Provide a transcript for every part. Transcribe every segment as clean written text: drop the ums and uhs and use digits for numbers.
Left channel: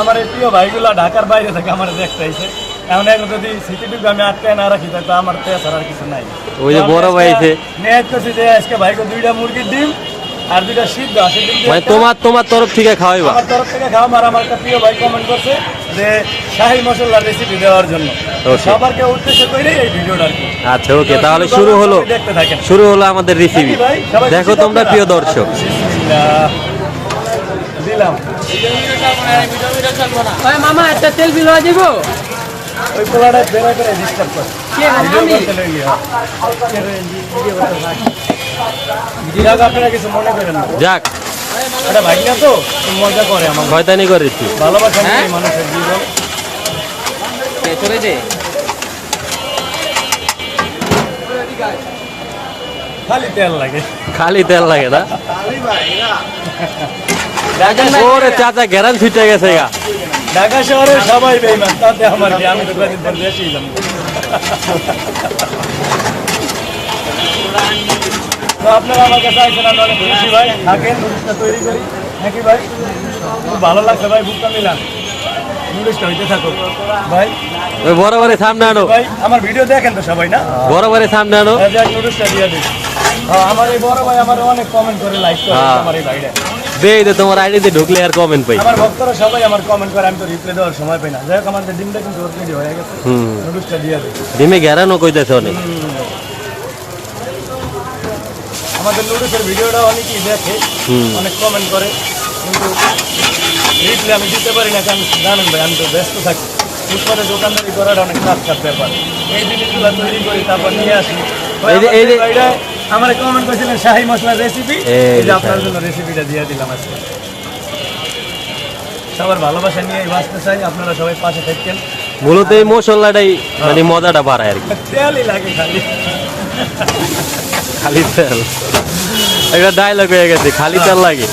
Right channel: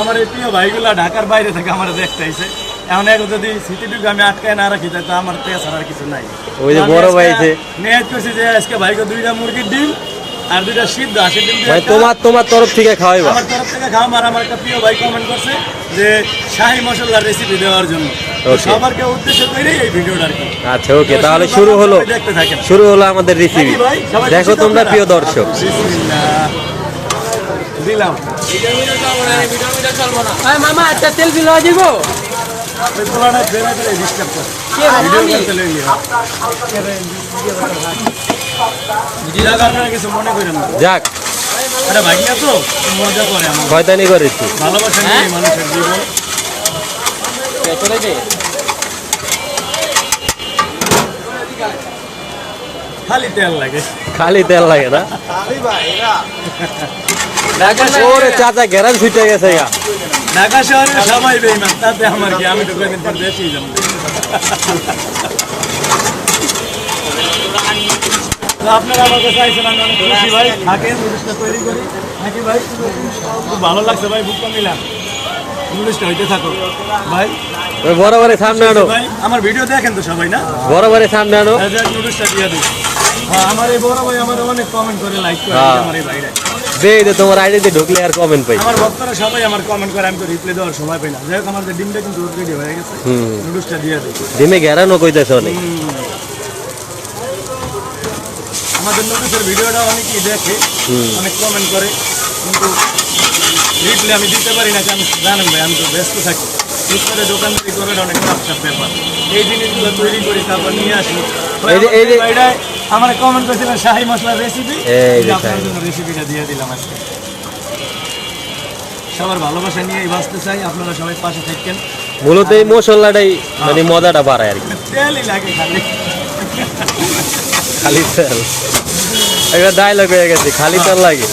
আমার এই প্রিয় ভাইগুলা ঢাকার বাইরে থেকে আমার দেখতে আইছে। এখন এগুলো যদি সিটিতে আমি আটকায় না রাখি তো আমার তেজ আর কিছু নাই। ওই যে বড় ভাই আছে নিয়ত করছি যে আজকে ভাইকে 2টা মুরগির ডিম আর 2টা সিদ্ধ আসে ডিম ভাই তোমার তরফ থেকে খাওয়াইবা। আমার তরফ থেকে খাওয়া। আর আমার একটা প্রিয় ভাই কমেন্ট করছে যে শাহী মশলার রেসিপি দেওয়ার জন্য। সবারকে উদ্দেশ্য করেই এই ভিডিওটা আর কি। আচ্ছা ওকে, তাহলে শুরু হলো আমাদের রেসিপি। দেখো তোমরা প্রিয় দর্শক। দিলাম মামা একটা তেল বিল হয়ে দিব। কিছু মনে করেন না, যাক এটা ভাইয়া তো মজা করে আমার শয়তানি করে একটু ভালোবাসা মানুষের জীবন। খালি তেল লাগে না। ওরে চাচা গ্যারান ছুটে গেছে গা। ঢাকা শহরে সবাই বেইমান, তাতে আমার কি, আমি তো কয়েকদিন পর দেখেই যাবো। আপনারা আমার কাছে আইসেন, আমি অনেক খুশি ভাই। থাকেন, নুডলসটা তৈরি করি নাকি ভাই? খুব ভালো লাগছে ভাই, বুকটা মিলাম। নুডলসটা হইতে থাকো ভাই। ওই বরাবরের সামনে আনো ভাই, আমার ভিডিও দেখেন তো সবাই না? বরাবরের সামনে আনো। নুডলসটা দিয়ে দিই। আমার এই বড় ভাই আমার অনেক কমেন্ট করে, লাইক করে আমার এই ভাইরা। দেই তো তোমার আইডিতে ঢুকলে আর কমেন্ট পাই। আমার ভক্তরা সবাই আমার কমেন্ট করে, আমি তো রিপ্লাই দেওয়ার সময় পাই না। যাই হোক, আমাদের ডিমটা কিন্তু রেডি হয়ে গেছে। নুডলসটা দিয়ে দিই। ডিমে গ্যারানও কইতেছে অনেক। আমাদের নুডলসের ভিডিওটা অনেকেই দেখে, অনেক কমেন্ট করে, কিন্তু রিপ্লাই আমি দিতে পারি না। কারণ জানেন ভাই, আমি তো ব্যস্ত থাকি। ফুটপাতে দোকানদারি করাটা অনেক টাফ ব্যাপার। এই জিনিসগুলো তৈরি করি, তারপর নিয়ে আসি। আমার কমেন্ট করেছিলেন শাহী মশলার রেসিপি, আপনার জন্য রেসিপিটা দিয়ে দিলাম আজকে। সবার ভালোবাসা নিয়ে বাঁচতে চাই, আপনারা সবাই পাশে থাকেন। মূলত এই মশলাটাই মানে মজাটা বাড়ায় আর কি। তেলই লাগে খালি, খালি তেল। একটা ডায়লগ হয়ে গেছে, খালি তেল লাগে।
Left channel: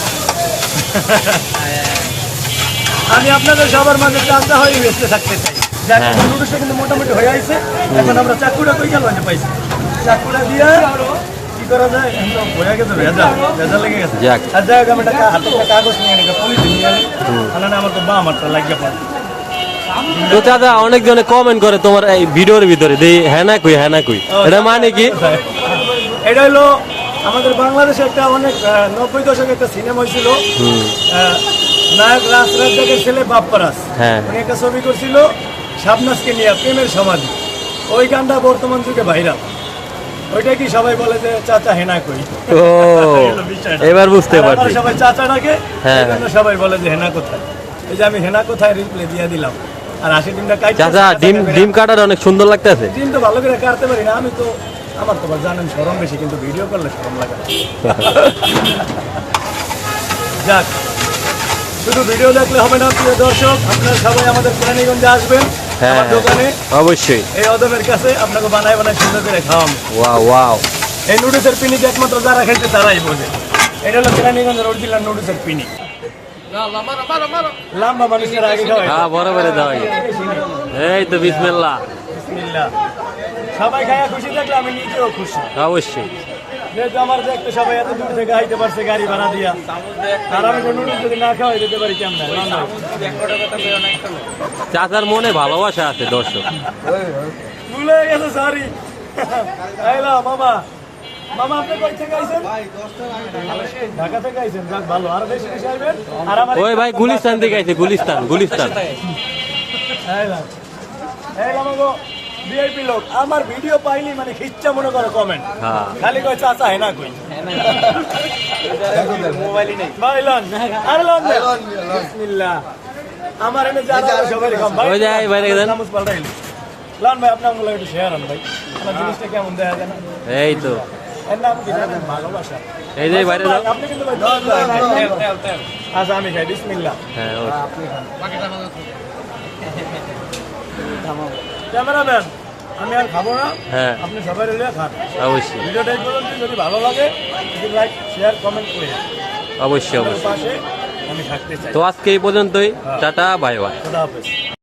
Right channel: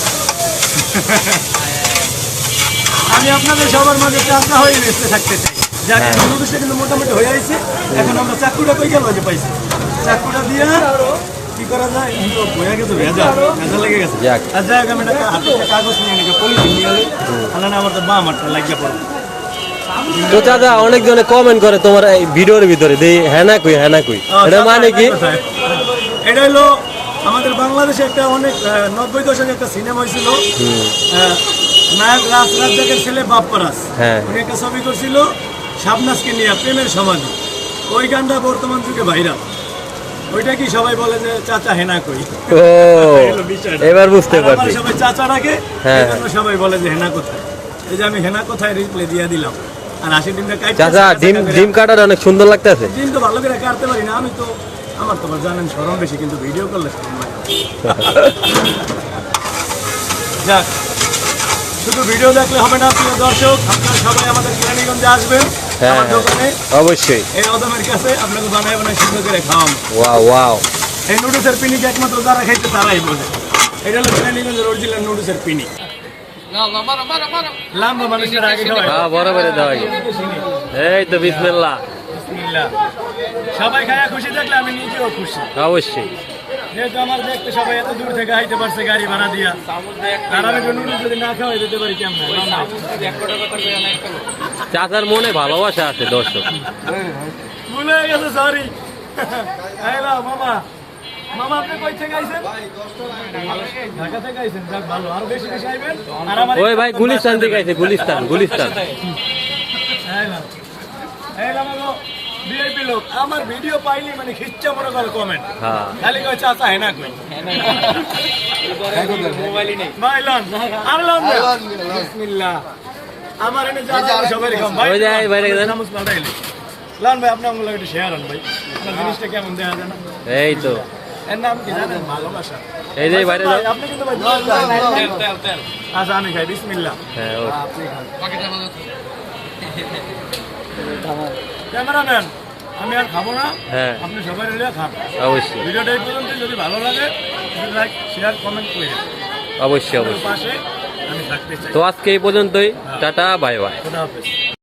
আমি আপনাদের সবার মাঝে চাচা হয়ে বেঁচতে থাকতে চাই। নুডলসটা কিন্তু মোটামুটি হয়ে গেছে। এখন আমরা চাকুটা তো গেল পাইছি, চাকুটা দিয়ে কি করা যায়? হয়ে গেছে, ভেজা লেগে গেছে। আর যাই হোক, আমি একটা কাগজ নিয়ে নিই, পলিথিন নিয়ে নিই, তাহলে আমার তো বাম হাতটা লাগিয়ে পড়ে। তো চাচা অনেকজনে কমেন্ট করে তোমার এই ভিডিওর ভিতরে দেই হ্যাঁ না কই, হ্যাঁ না কই, এটা মানে কি? এটা হলো আমাদের বাংলাদেশে একটা অনেক 90 দশকে একটা সিনেমা হয়েছিল, নায়ক রাজরাজের ছেলে বাপ্পারাজ। উনি একটা ছবি করছিল শাবনাজকে নিয়ে, প্রেমের সমাধি। ওই গানটা বর্তমান যুগে ভাইরাল। ওইটা কি সবাই বলে যে চাচা হেনা কই। ও এবার বুঝতে পারছি। সবাই চাচা ডাকে, সবাই বলে যে হেনা কোথায়। এই যে আমি হেনা কোথায় রিপ্লাই দিয়ে দিলাম। আর 80 দিনটা কাটছে। চাচা ডিম কাটার অনেক সুন্দর লাগতেছে। ডিম তো ভালো করে কাটতে পারি না আমি তো, আমার তো জানেন শরম বেশি, কিন্তু ভিডিও করলে শরম লাগে। যাক, শুধু ভিডিও দেখলে হবে না প্রিয় দর্শক, আপনারা সবাই আমাদের কেরানীগঞ্জে আসবেন দোকানে, অবশ্যই এই অদমের কাছে আপনাকে বানায় সুন্দর করে খাওয়াম। ওয়াও, এই নুডলসের পিনিক একমাত্র যারা খাইছে তারাই বোঝে। এটা হলো কেরানীগঞ্জের অরিজিনাল নুডলসের পিনিক। লম্বা মানুষের আগে খাওয়াই, হ্যাঁ বরাবরে দেওয়া। এই তো বিসমিল্লাহ। সবাই খায় খুশি থাকলে আমি নিজেও খুশি। অবশ্যই, যেহেতু আমার দেখতে সবাই এত দূর থেকে আইতে পারছে গাড়ি ভাড়া দিয়া, আর আমি নুডলস যদি না খাওয়াই দিতে পারি কেমন? চাচার মনে ভালোবাসা আছে দর্শক। ভুলে গেছে, সরি। মামা, মামা আপনি কই থেকে আইছেন? ঢাকা থেকে আইছেন, যাক ভালো, আরো বেশি বেশি আইবেন। আর আমার ওই ভাই গুলিস্তান থেকে আইছে, গুলিস্তান। ভিআইপি লোক আমার ভিডিও পাইলি মানে খিচ্চা মনে করে কমেন্ট, খালি কয় চাচা হেনা কই। মোবাইলই নেই মাইলান আর লন বিসমিল্লাহ। আমার এনে যারা সবাই কম ভাই, ওই যাই ভাই রেখে দেন নামাজ পড়াইলি লান ভাই, আপনি আমগুলো একটু শেয়ার হন ভাই, আমার জিনিসটা কেমন দেখা যায় না? এই তো এর নাম কি জানেন? ভালোবাসা। এই যে বাইরে দাও আপনি কিন্তু ভাই তেল। আচ্ছা আমি খাই, বিসমিল্লাহ। হ্যাঁ আপনি খান। ক্যামেরাম্যান আমি আর খাবো না, আপনি সবাই মিলে খান। অবশ্যই ভিডিওটা এই পর্যন্ত, যদি ভালো লাগে লাইক শেয়ার কমেন্ট করে অবশ্যই। পাশে আমি থাকতে চাই। তো আজকে এই পর্যন্তই, টাটা বাই বাই। খোদা হাফেজ।